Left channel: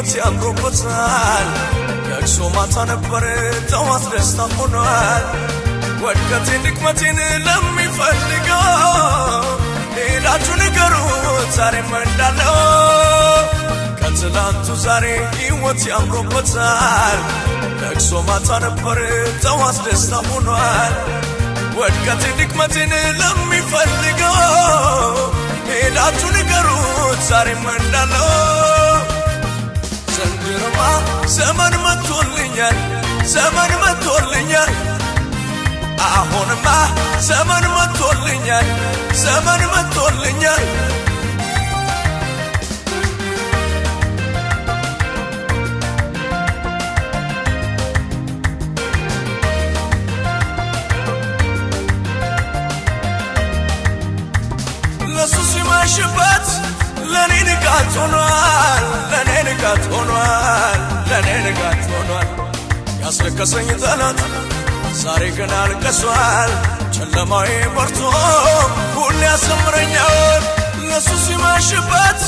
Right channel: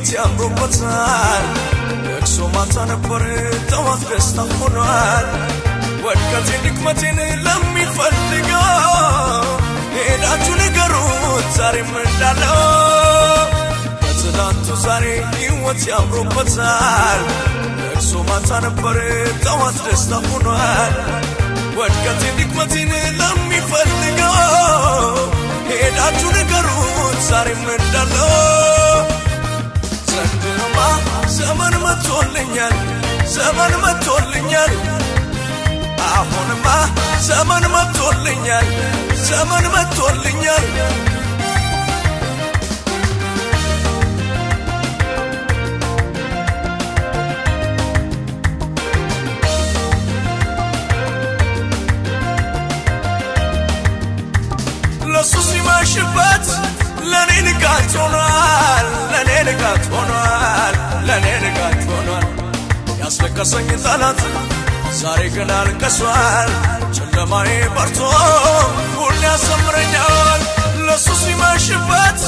ህይወት ያምሮበታል እሱ ማታ ነበር ተዋት ደስታ ሆኗል ወድቀት ድክመትን ለሚፈልገው ሄዳችሁ ንገሩት ዛሬ እንዳለው ከትናንቱ ዛሬ ህይወት ያምሮበታል እሱ ማታ ነበር ተዋት ደስታ ሆኗል ወድቀት ድክመትን ለሚፈልገው ሄዳችሁ ንገሩት ዛሬ እንዳለው ዘመን መጥቶልኛል ዘመን መጥቶልኛል አሁንማ ዘመን መጥቶልኛል ዘመን መጥቶልኛል ለሱስ ይማሽበት ለኔ ንጋት ሆኗል ለኔ ንጋት ሆኗል ለኔ ንጋት ሆኗል ያስለቀሰኝ ጠላት ዛሬ ግን አልቀሷል ጨለማዬ በርቶ ሁሉ ያሰምረኛል ለሱስ ይማሽበት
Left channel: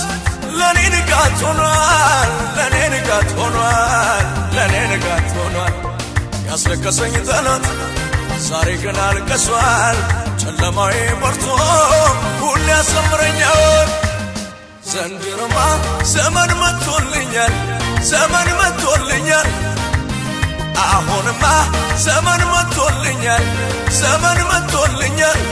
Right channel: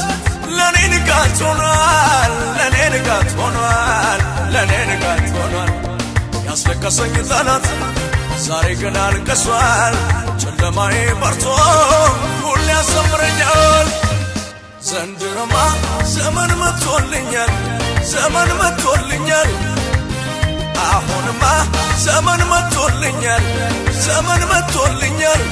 ለኔ ንጋት ሆኗል ለኔ ንጋት ሆኗል ለኔ ንጋት ሆኗል ያስለቀሰኝ ጠላት ዛሬ ግን አልቀሷል ጨለማዬ በርቶ ሁሉ ያሰምረኛል ዘንድሮማ ዘመን መጥቶልኛል ዘመን መጥቶልኛል አሁንማ ዘመን መጥቶልኛል ዘመን መጥቶልኛል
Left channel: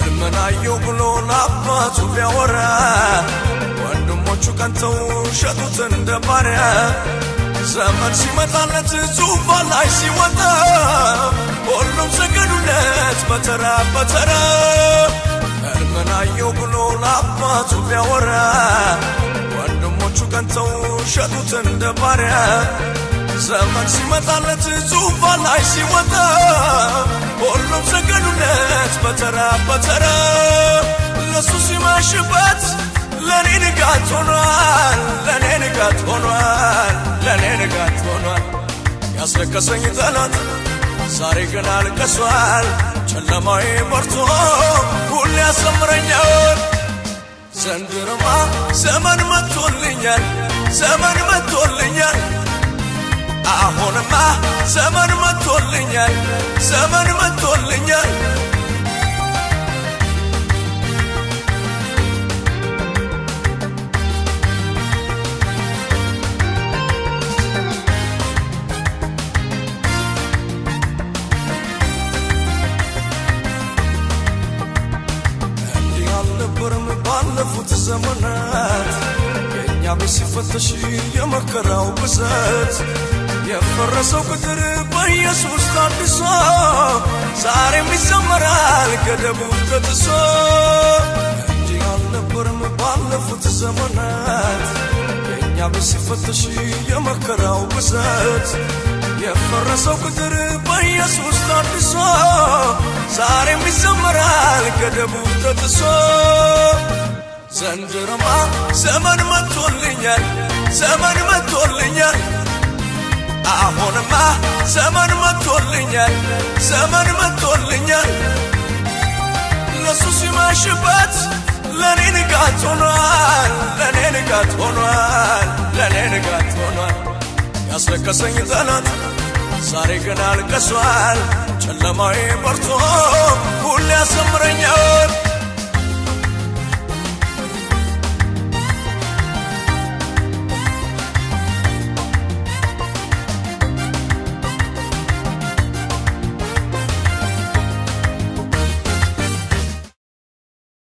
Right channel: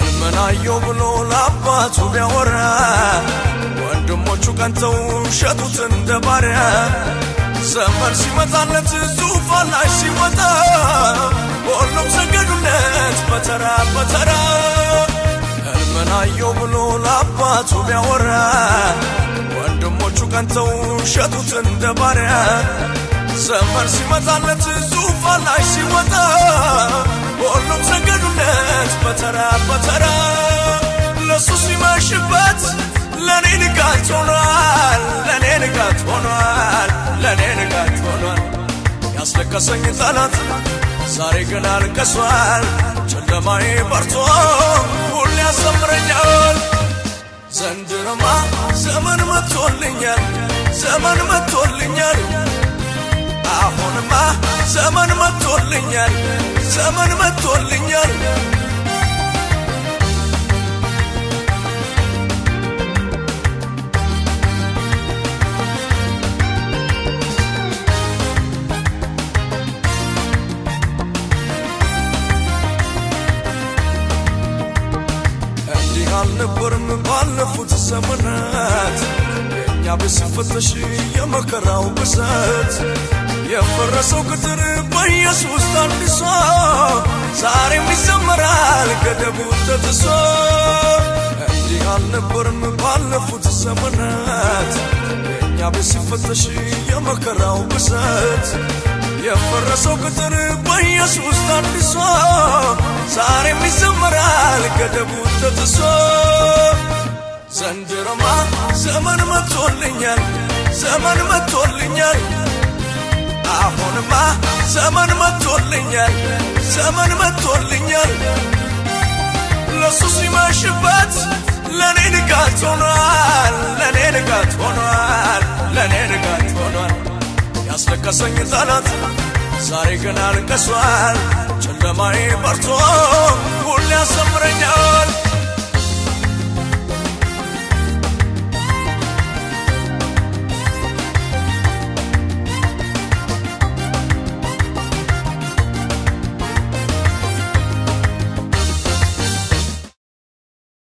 እመናየው ብሎ ለአባቱ ቢያወራ ወንድሞቹ ቀንተው ሸጡት እንደ ባሪያ ዘመን ሲመጣለት ዙፋን ላይ ሲወጣ ሁሉም ሰገዱለት በተራ በተራ እመናየው ብሎ ለአባቱ ቢያወራ ወንድሞቹ ቀንተው ሸጡት እንደ ባሪያ ዘመን ሲመጣለት ዙፋን ላይ ሲወጣ ሁሉም ሰገዱለት በተራ በተራ ለሱስ ይማሽበት ለኔ ንጋት ሆኗል ለኔ ንጋት ሆኗል ለኔ ንጋት ሆኗል ያስለቀሰኝ ጠላት ዛሬ ግን አልቀሷል ጨለማዬ በርቶ ሁሉ ያሰምረኛል ዘንድሮማ ዘመን መጥቶልኛል ዘመን መጥቶልኛል አሁንማ ዘመን መጥቶልኛል ዘመን መጥቶልኛል ፈተሽ የመከራው ብዛት የፈረሰው ቅጥር በኢየሱስ ታድሶ ዛሬም ይዘመራል ገደቡ ተጥሶ እንዲህ አልነበረም ባለፉት ዘመናት እኛ ብስፈተሽ የመከራው ብዛት የፈረሰው ቅጥር በኢየሱስ ታድሶ ዛሬም ይዘመራል ገደቡ ተጥሶ ዘንድሮማ ዘመን መጥቶልኛል ዘመን